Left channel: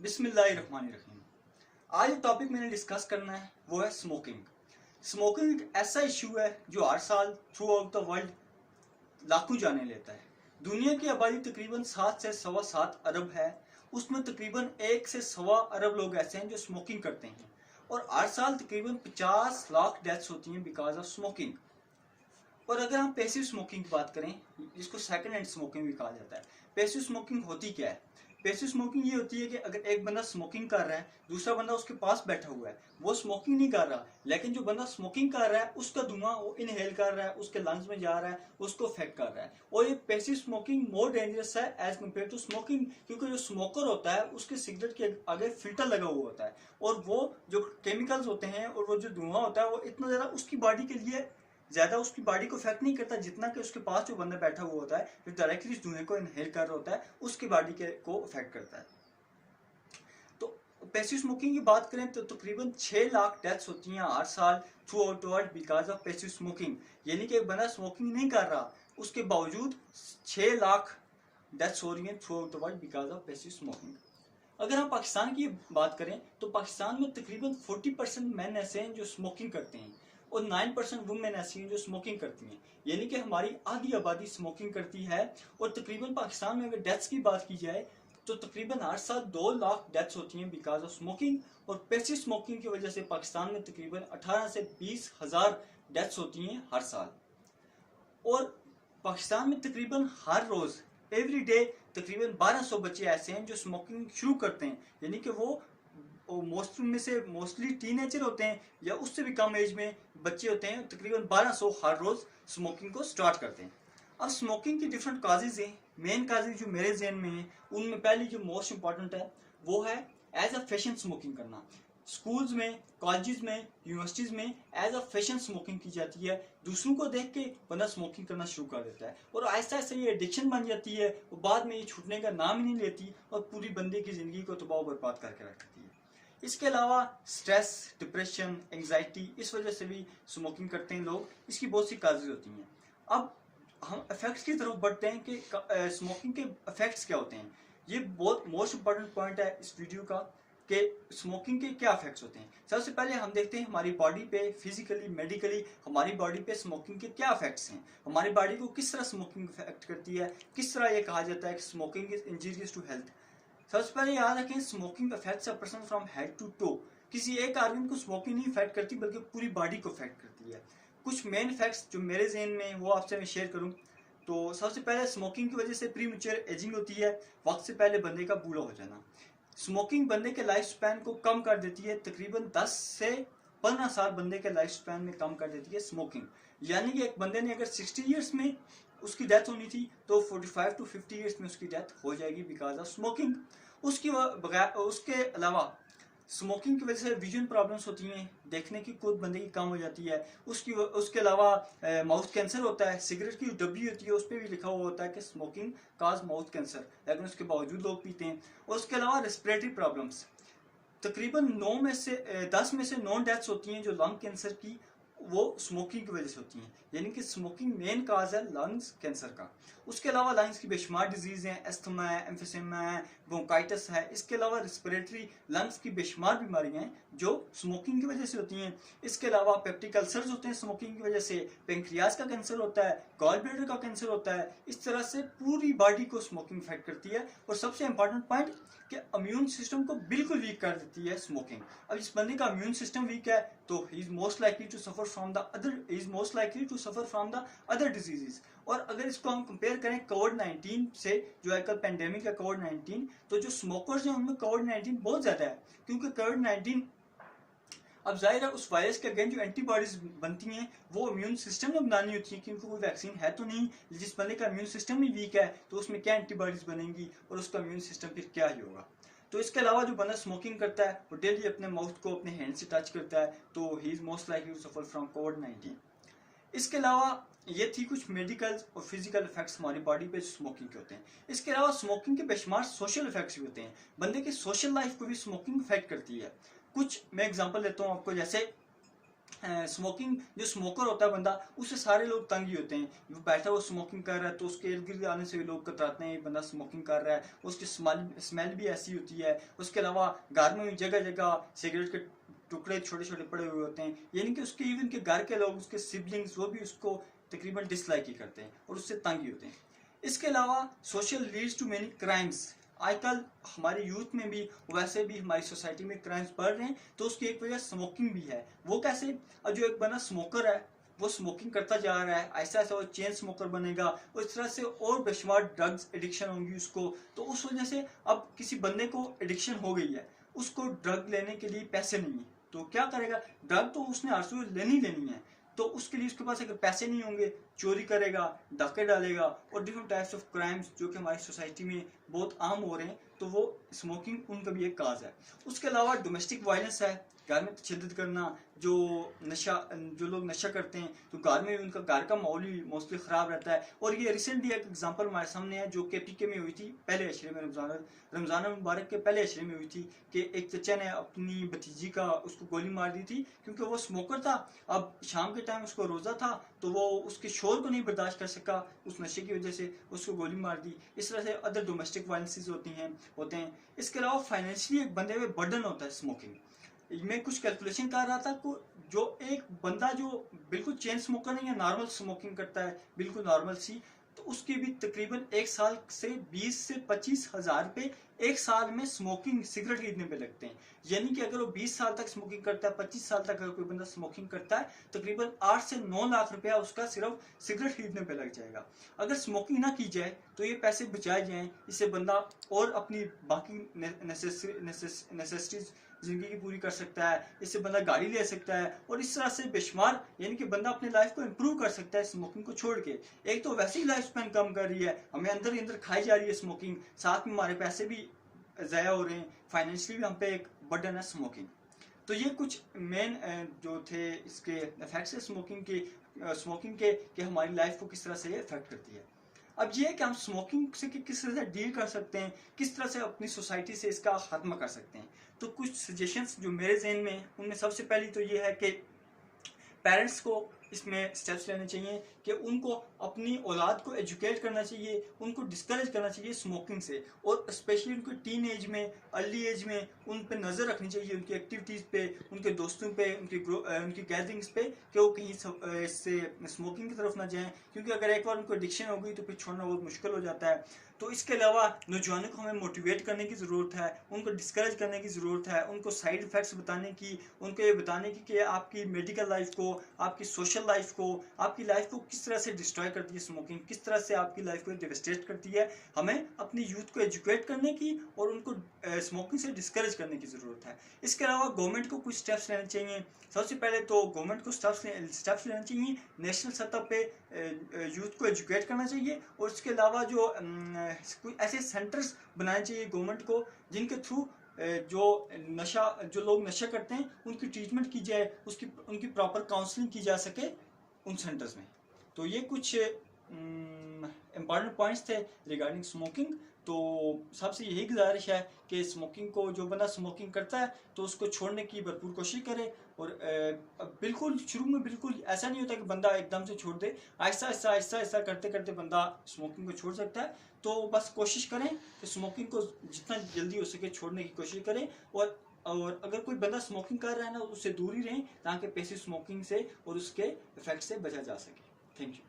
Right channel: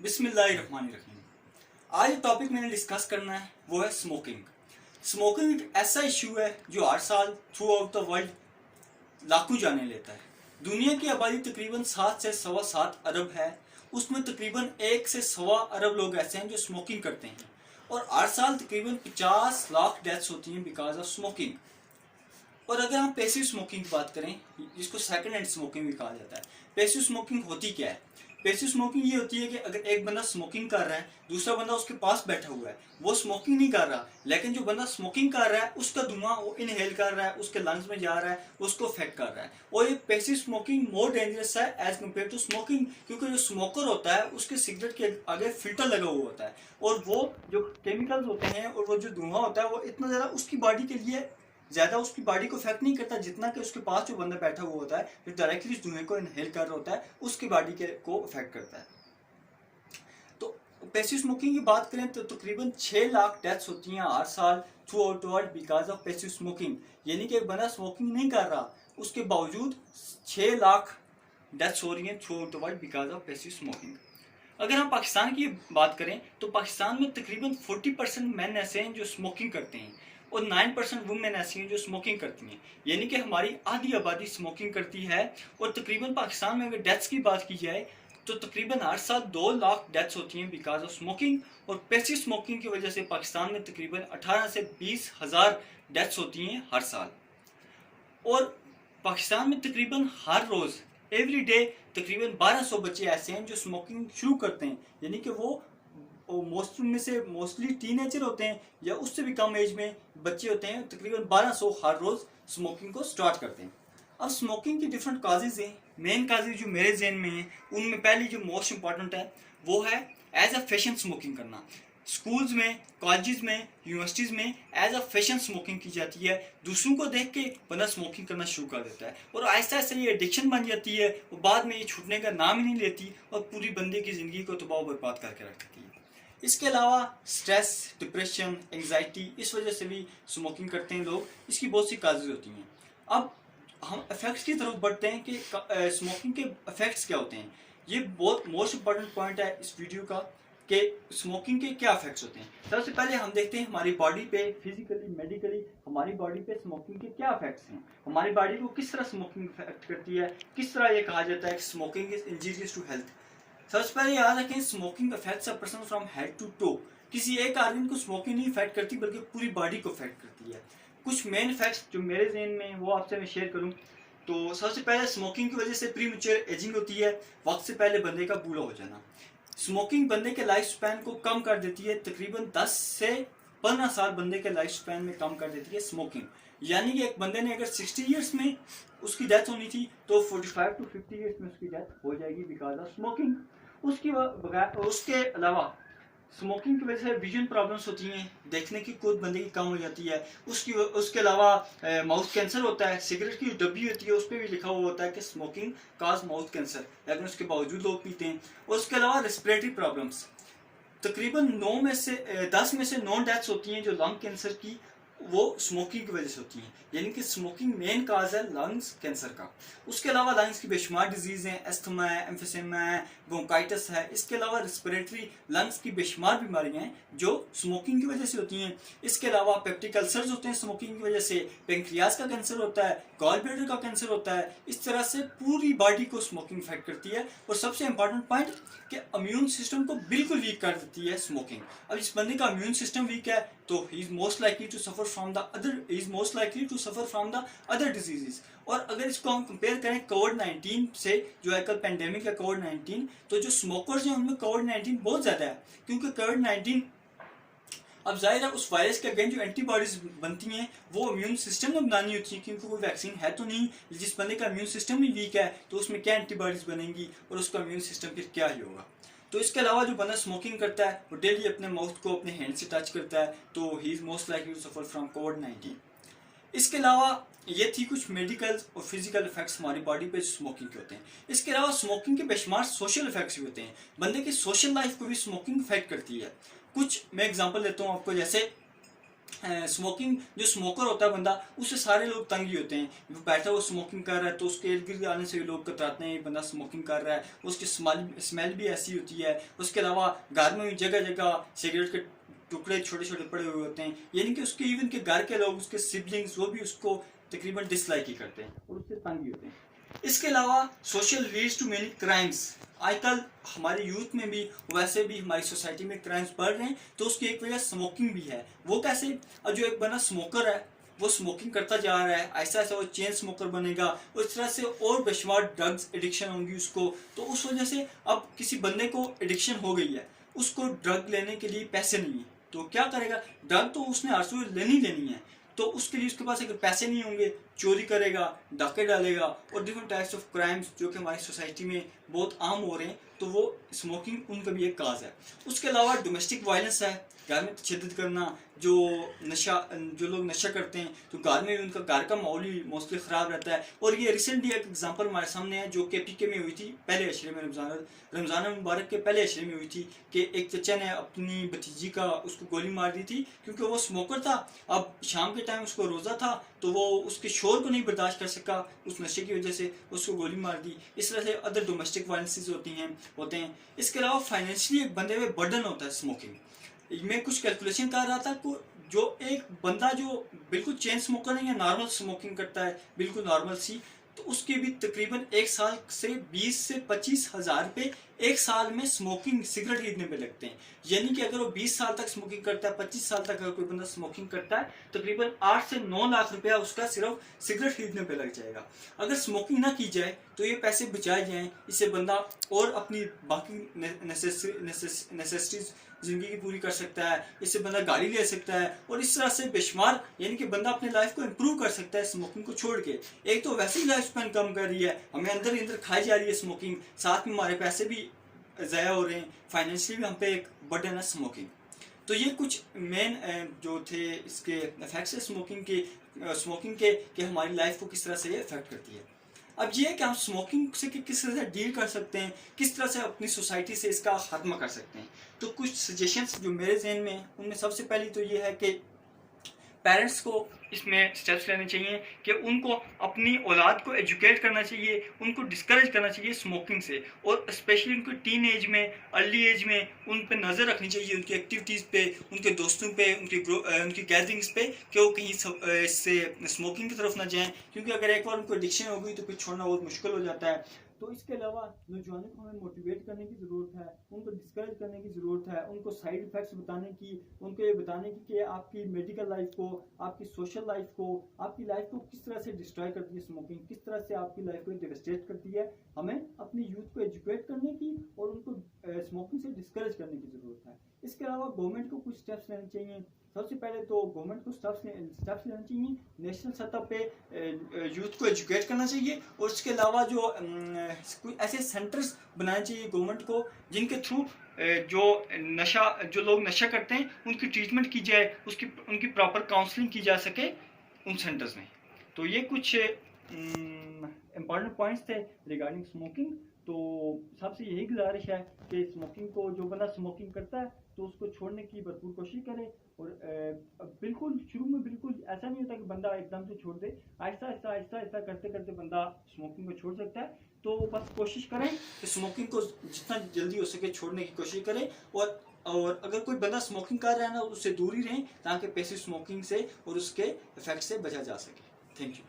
बिस्मिल्लाहिर्रहमानिर्रहीम। आज जो टॉपिक मैंने डिस्कस करना है वो है स्मोकिंग। स्मोकिंग एक ऐसा इशू है जो हर साल थ्रू आउट द वर्ल्ड लाखों जाने लेता है। दुनिया की आबादी तकरीबन 7 से सवा 7 अरब है। उसमें तकरीबन 1 से सवा अरब लोग ऐसे हैं जो स्मोकिंग करते हैं और हर साल तकरीबन 50 लाख डेथ्स होती हैं बिकॉज ऑफ स्मोकिंग। और अगर हम पैसिव स्मोकिंग की बात करें, जिसको सेकंड हैंड स्मोकिंग भी कहा जाता है, पैसिव स्मोकिंग होती क्या है? पैसिव स्मोकिंग ये होती है कि अगर एक बंदा स्मोकिंग कर रहा है, दूसरा बंदा उसके पास बैठा हुआ है, वो स्मोकिंग नहीं कर रहा, लेकिन जो बंदा स्मोकिंग कर रहा है उसका धुआं वो इनहेल कर रहा है, उसके लंग्स में जा रहा है, उसको अफेक्ट कर रहा है। और ये पैसिव स्मोकिंग मोर डेंजरस है एज कम्पेयर टू स्मोकिंग, क्योंकि जो स्मोकर होता है उसके सिगरेट के आगे फिल्टर लगा हुआ होता है और वो जो केमिकल्स होते हैं और वो जो धुआं होता है वो इतना ज़्यादा उसकी बॉडी के लिए ज़्यादा उसकी बॉडी को इफेक्ट नहीं करता जितना कि उसके पास जो बंदा बैठा हुआ होता है जो डायरेक्टली इस धुएं को इनहेल कर रहा होता है उसकी बॉडी के को इफेक्ट करता है। तो पैसिव स्मोकिंग की बात करें तो तकरीबन 6 लाख डेथ्स होती हैं हर साल through out the world because of passive smoking. यानी कि एक बंदा स्मोकिंग नहीं कर रहा, उसके बावजूद 6 लाख डेथ्स हो रही हैं through out the world because of passive smoking. अगर हम पाकिस्तान की बात करें तो पाकिस्तान में तकरीबन 40% मैन ऐसे हैं जो स्मोकिंग करते हैं और 9% वुमेन ऐसी हैं जो स्मोकिंग करती हैं। यानी कि हमारी आधी आबादी स्मोकिंग करती है। और तकरीबन पाकिस्तान में अगर डेथ्स की बात की जाए तो तकरीबन हर साल 2 लाख डेथ्स होती हैं बिकॉज ऑफ स्मोकिंग। और पैसिव स्मोकिंग की वजह से पाकिस्तान में तकरीबन 18 से 20 हज़ार डेथ्स होती हैं हर साल। और पाकिस्तान में तकरीबन हर रोज़ एवरी डे तकरीबन 1200 बच्चे ऐसे हैं जो स्मोकिंग शुरू करते हैं। यानी कि वो मोस्टली टीनेजर होते हैं या उससे भी कम एज में बच्चे होते हैं, तकरीबन 1200 हर रोज़ स्मोकिंग को स्टार्ट करते हैं। अब स्मोकिंग की डिफरेंट काजेज हैं। मेन काजेज जो मेरे जहन में हैं उनमें पहली जो मोस्ट इंपॉर्टेंट है वो है एज अ फैशन स्मोकिंग करना। स्कूल्स में, कॉलेजेस में, यूनिवर्सिटीज़ में एज अ फैशन स्मोकिंग की जाती है। दूसरों को देख के बंदा स्मोकिंग करना शुरू कर देता है और आहिस्ता आहिस्ता ये एडिक्शन बन जाती है और बाद में ये छूटने का नाम ही नहीं लेती और पूरी बंदे की ज़िंदगी को तबाह बर्बाद करके रख देती है। इसके अलावा स्ट्रेस, डिप्रेशन, एंग्जाइटी, इस वजह से भी स्मोकिंग करते हैं लोग। इसकी बहुत सी काजेज होती हैं। अब हम इफेक्ट्स की तरफ बढ़ते हैं कि स्मोकिंग के इफेक्ट्स क्या होते हैं। ये बहुत मोस्ट इंपॉर्टेंट पॉइंट है इस वीडियो का कि स्मोकिंग के क्या इफेक्ट्स होते हैं। सबसे पहले हम देखते हैं हमारी बॉडी पे फिजिकली, मेडिकली हमारी बॉडी पे स्मोकिंग के क्या इफेक्ट्स हैं, हमारी बॉडी को किस तरह स्मोकिंग इफेक्ट करती है, किस तरह ये कहा जाता है कि smoking is injurious to health. सबसे पहले याद रखें smoking affects a person from head to toe. किसी एक आदमी को स्मोकिंग नहीं इफेक्ट करती बल्कि पूरी बॉडी को इफेक्ट करती है। कुछ मेन इफेक्ट्स जो मेरे जहन में वो आपसे मैं शेयर करूं तो सबसे पहले स्मोकिंग की वजह से प्रीमेच्योर एजिंग होती है, वक्त से पहले बंदे का बूढ़ा हो जाना। स्मोकिंग बंदे के लाइफ स्पैन को कम कर देती है, तकरीबन 10 से 15 साल बंदे के लाइफ स्पैन में कम कर देती है स्मोकिंग। यानी कि एक बंदे ने अगर 60 ईयर्स में उसकी डेथ होनी थी तो 45 टू 50 ईयर्स में उसकी डेथ हो जाएगी बिकॉज ऑफ स्मोकिंग। उसके अलावा स्मोकिंग की वजह से विजन प्रॉब्लम्स होती हैं, देखने की कुछ बंदे की कम हो जाती है। उसके अलावा माउथ कैंसर होता है। सिगरेट की डब्बी होती है उस पर भी लिखा हुआ होता है कि स्मोकिंग काज माउथ कैंसर, लेकिन उसके बावजूद लोग पीते हैं। और उसके अलावा रेस्पिरेटरी प्रॉब्लम्स, तकरीबन 10 में से 9 डेथ्स होती हैं जो लंग कैंसर की, वो स्मोकिंग की वजह से होती हैं। यानी कि स्मोकिंग मेन काज है लंग्स कैंसर का। उसके अलावा लंग्स की बेशुमार डिजीज़ हैं, एस्थमा है, एम्फिसेमा है, ब्रोंकाइटिस है। इसके अलावा रेस्पिरेटरी लंग्स की बेशुमार बीमारियां हैं जो स्मोकिंग की वजह से होती हैं। इसके अलावा पेप्टिक अल्सर्स होते हैं स्मोकिंग की वजह से, पेंक्रियाज का कैंसर होता है, गॉल ब्लैडर का कैंसर होता है। इस तरह से पूरी बॉडी को स्मोकिंग इफेक्ट करती है। और सबसे इंपॉर्टेंट पॉइंट कि इम्यून सिस्टम को बिल्कुल वीक कर देती है स्मोकिंग। अब इस बंदे का इम्यून सिस्टम वीक है तो he is most likely to suffer from the other diseases. और अगर इसको हम कंपेयर करें कोविड-19 से, जो आजकल पेंडेमिक है कोविड-19, तो जो स्मोकर्स हैं उनमें कोविड-19 बहुत ज़्यादा है, क्योंकि कोविड-19 अब जाहिर है उस वायरस के अगेंस्ट जो एंटीबॉडीज बनती हैं वो इम्यून सिस्टम ने बनानी होती है, क्योंकि कोई वैक्सीन है तो नहीं। जिस बंदे का इम्यून सिस्टम ही वीक है तो उसमें क्या एंटीबॉडीज बनेंगी और उसका इम्यून सिस्टम फिर क्या ही होगा। तो इसके अलावा जो बंदा स्मोकिंग करता है वो डेली अपने माउथ को अपने हैंड से टच करता है तो he is most likely to suffer from कोविड-19। इसके अलावा ये थी कुछ मेडिकल और फिजिकल इफेक्ट्स हमारी बॉडी पे स्मोकिंग के होते हैं। इसके अलावा स्मोकिंग के बेशुमार सोशल इफेक्ट्स भी होते हैं। बंदे की सोशल लाइफ को भी स्मोकिंग इफेक्ट करती है। कुछ मैं एग्जांपल देता हूँ आपको, जैसे स्मोकिंग, जो स्मोकर होता है बंदा, उससे सारे लोग तंग ही होते हैं। वो बैठा वो स्मोकिंग कर रहा है तो उसके इर्द गिर्द आने से लोग कतराते हैं, ये बंदा स्मोकिंग कर रहा है, उसकी स्मेल भी ऐसी होती है। उसके अलावा घर में भी जगह जगह सिगरेट के टुकड़े छोटे छोटे पड़े हुए होते हैं, यानी कि उसके इवन के घर के लोग, उसके सिबलिंग्स, वो भी उसको तकरीबन डिसलाइक ही करते हैं और उससे तंग ही होते हैं। इसके अलावा social leads to many crimes. आजकल हमारे यूथ में भी, वैसे भी हमारी सोसाइटी में क्राइम्स बढ़ रहे हैं, तो उसकी एक वजह स्मोकिंग भी है। वो कैसे? अब जो एक बंदा स्मोकर है वो स्मोकिंग करता जा रहा है, ऐसा ऐसा वो चेन स्मोकर बनेगा, उस तरह से और बेशुमार ड्रग्स एडिक्शन होंगी उसको। तो उस वजह से अब किसी बंदे को एडिक्शन हो गई है, उसको ड्रग लेने के लिए पैसे नहीं है, तो क्या करेगा? ड्रग तो उसने आरसू लेनी है, तो उसके लिए उसके पास अगर पैसे नहीं होंगे, चोरी करेगा, डाके डालेगा और डिफरेंट टाइप्स ऑफ क्राइम्स जो कि हमारी सोसाइटी में बहुत आम हो रहे हैं, तो वो स्मोकिंग उनका भी एक काज है। उसके अलावा डोमेस्टिक वायलेंस है, घर में तशद्दुद करना, जो लोग नशा करते हैं, तो घर में भी उनका घर का माहौल ही मोस्टली ख़राब रहता है। और ये रिसेंटली एक एग्जांपल हमारे सामने है जो KPK में हुई थी, पहले अशरे में, रमज़ान मुबारक के पहले अशरे में हुई थी, कि एक चचा ने अपनी भतीजी का उसको गोली मार दी थी क्योंकि वो स्मोकर था। अब शाम के टाइम उसको रोज़ा था, तो वो उसके शोर को नहीं बर्दाश्त कर सका, उस नशे की वजह से उसको गोली मार दी। इस तरह से अदर डोमेस्टिक वायलेंसेस होते हैं। इसके अलावा फाइनेंशियली एक बंदे में बर्डन होता है स्मोकिंग। मैं कुछ कैलकुलेशन कर रहा था को जो एक बंदा जो बिल्कुल चेन स्मोकर है या नॉर्मल स्मोकिंग करता है बिल्कुल नॉर्मल सी, तो उसके भी तकरीबन एक साल से 20 से 25 हज़ार रुपये एक साल में स्मोकिंग सिगरेट खरीदने पे लगते हैं। यानी कि अगर वो 20 साल तक स्मोकिंग करता है, 25 साल तक अगर कोई बंदा स्मोकिंग करता है, तकरीबन 8 से 9 लाख रुपया उसका सिर्फ सिगरेट खरीदने पे लग जाएगा। अगर स्मोकिंग ना की जाए तो ये पैसे बचाए जाएँ, इससे बंदा और अपनी बाकी नेसेसिटीज ज़िंदगी की पूरी कर सकता है, इससे बंदा गाड़ी ले सकता है और इस तरह से बेशुमार, यानी कि बंदा अपनी लाइफ को इम्प्रूव कर सकता है स्मोकिंग को छोड़ के। एक तो वैसे ही लाइफ स्पैन कम कर रही है, हमें अंदर ही अंदर खाई जा रही है स्मोकिंग, साथ में हमारे पैसे भी ज़ाया हो रहे हैं, फाइनेंशियली भी हम पे एक बर्डन है स्मोकिंग। तो ये कुछ मेन जो थे इसके इफेक्ट्स है स्मोकिंग के कि हमारी लाइफ को किस तरह से ये इफेक्ट करती है। अब ये कि हम स्मोकिंग से किस तरह से डील कर सकते हैं, किस तरह से अपनी सोसाइटी से इसका खात्मा कर सकते हैं। तो कुछ सजेशंस जो मेरे जहन में हैं, उनमें सबसे पहली तो ये है कि पेरेंट्स को इसमें स्टेप्स लेने चाहिए कि उनको अपनी औलाद को एजुकेट करना चाहिए, उनको डिस्करेज करना चाहिए स्मोकिंग से, और स्पेशली उनको टीन एज में, अर्ली एज में उन पे नज़र रखनी चाहिए, उनकी एक्टिविटीज़ पे, उनके दोस्तों पे, उनकी गैदरिंग्स पे, कि वो कहीं इससे स्मोकिंग की तरफ ना जाएं, क्योंकि अगर एक बार उनको एडिक्शन हो गई तो फिर छोड़ना बहुत मुश्किल हो जाता है। तो इसके अलावा नौजवानों को हमें मोटिवेट करने की ज़रूरत है, उनको डिस्करेज करने की ज़रूरत है, उनको साइड इफ़ेक्ट्स बताने की, उनको ये बताने की कि आपकी मेडिकल लाइफ को, आपकी सोशल लाइफ को, आपकी लाइफ को किस तरह से डिस्ट्रॉय करती है स्मोकिंग, किस तरह से आपकी लाइफ को डिवेस्टेट करती है। हमें अपनी यूथ को एजुकेट करने की और उनको स्मोकिंग से डिस्करेज करने की ज़रूरत है। इसके अलावा गवर्नमेंट को कुछ स्टेप्स लेने चाहिए। सबसे पहले तो गवर्नमेंट को स्टेप्स लेना चाहिए, नेशनल सतह पे यूथ को एजुकेट करना चाहिए, और उसके अलावा जो ऐसे सेंटर्स बनाने चाहिए गवर्नमेंट को जिनके थ्रू जो लोग नशा करते हैं उनकी ट्रीटमेंट की जाए, उनकी प्रॉपर काउंसलिंग की जा सके उन सेंटर्स में। तो ये कुछ इम्पॉर्टेंट पॉइंट्स थे रिगार्डिंग स्मोकिंग। तो सबसे यही गुजारिश है कि स्मोकिंग को, जो बंदा स्मोकिंग करता है तो उसको छोड़ने की भरपूर कोशिश करे, और बिल्कुल शुरू में बिल्कुल ऐसा नहीं होता कि बंदा एकदम से छोड़ दे, आहिस्ता करते करते बंदा स्मोकिंग को छोड़ सकता है। तो बस कोशिश करें कि स्मोकिंग को जितना जल्दी हो सके छोड़ने की कोशिश करें, और अगर कोई बंदा स्मोकिंग कर रहा है ना, उससे दूर ही रहें, ताकि पैसिव स्मोकिंग से और उसके इफेक्ट से बचा जा सके। Thank you.